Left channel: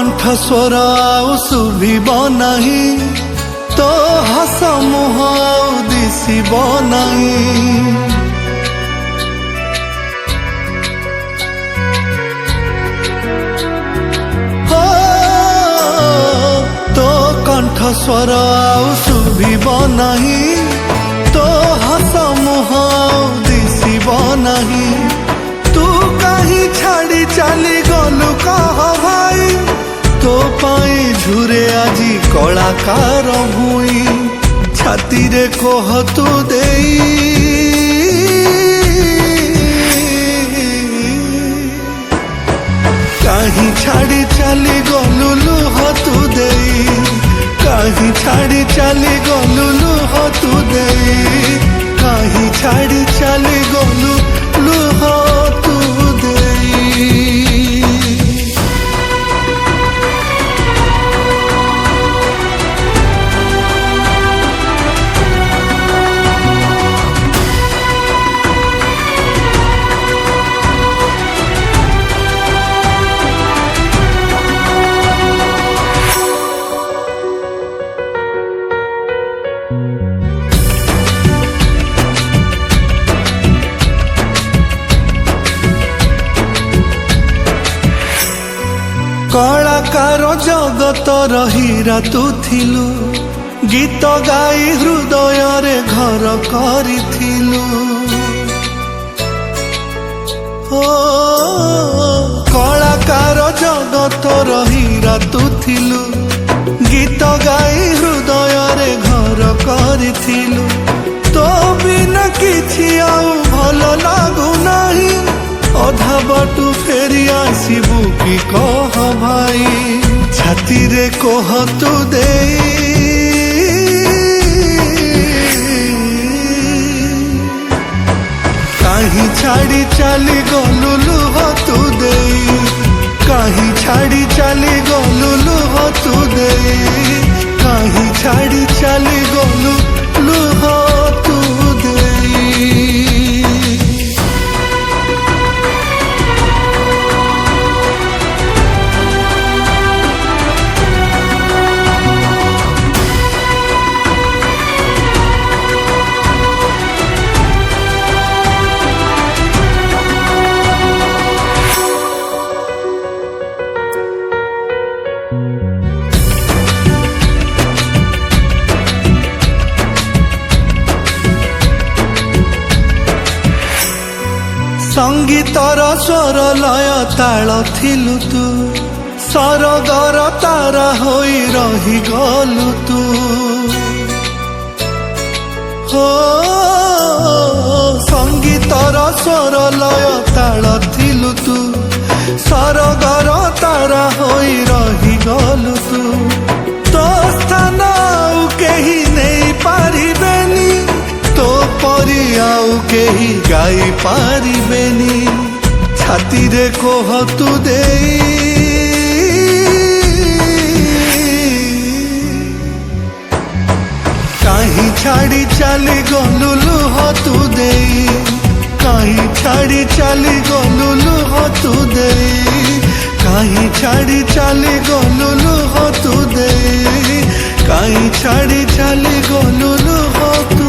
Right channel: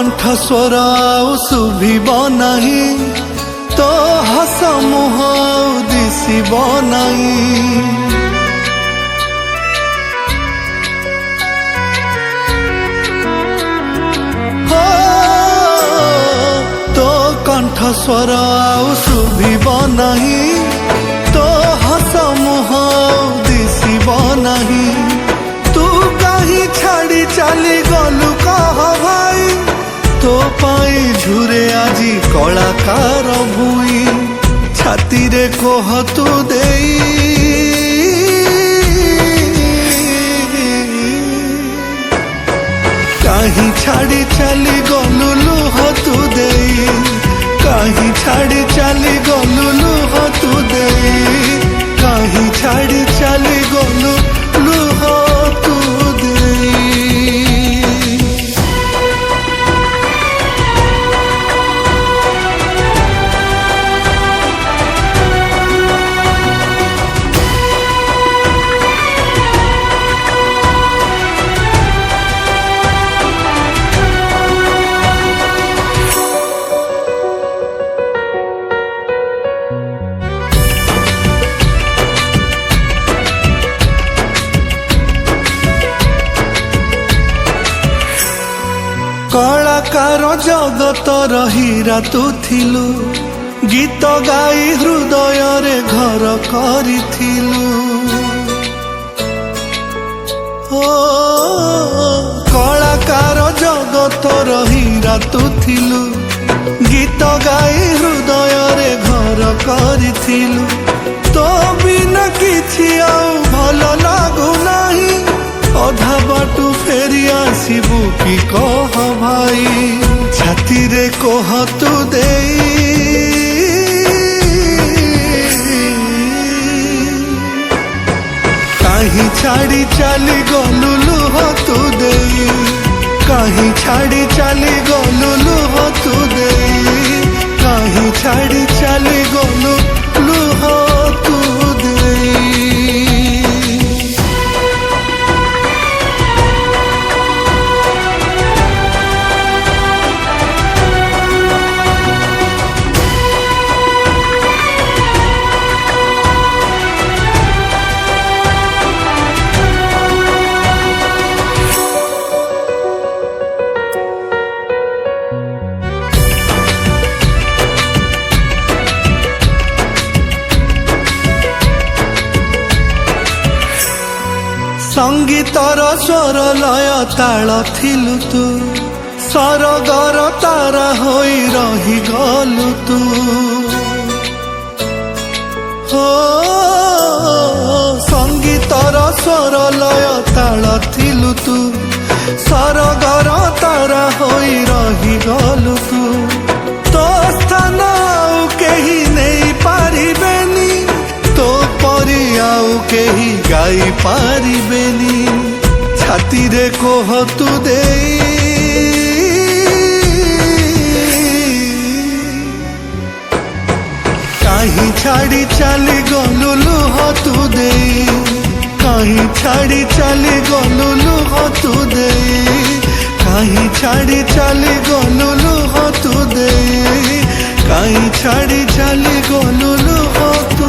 कंठ स्वर आउ शुभिब नाही, तो हस मुह आउ दिशिब नाही। हो तो कंठ स्वर आउ शुभिब नाही, तो हस मुह आउ दिशिब नाही। तू कहीं छाड़ी चली गलु कह भाई, तो पाई झुरे आजी कलाकार भुई। छाती रे कोह तू देई, कहीं छाड़ी चली गलु लुह तू देई। कहीं छाड़ी चली गलु लुह तू देई। कहीं छाड़ी चली गलु लुह तू देई। कलाकार जगत हीरा तू थिलु, गीत गाई हृदय रे घर करिथिलु। ओ कलाकार जगत हीरा तू थिलु, गीत गाई हृदय रे घर करिथिलु। तो बिना किछि आउ भल लागु नाही, अधा बाटू फेरी आसबू कि कह भाई। छाती रे कोह तू देई, कहीं छाड़ी चली गलु लुह तू देई। कहीं छाड़ी चली गलु लुह तू देई। कहीं छाड़ी चली गलु लुह तू देई। संगीतर स्वर लय ताल थिलु तू, सरगर तारा होई रही गलु तू। हो संगीतर स्वर लय ताल थिलु तू, सरगर तारा होई रही गलु तू। तो स्थान आउ केही नहीं पारिबेनी, तो परी आउ केही गाई पारिबेनी। छाती रे कोह तू देई, कहीं छाड़ी चली गलु लुह तू देई। कहीं छाड़ी चली गलु लुह तू देई। कहीं छाड़ी चली गलु लुह तू देई। कहीं छाड़ी चली गलु लुह तू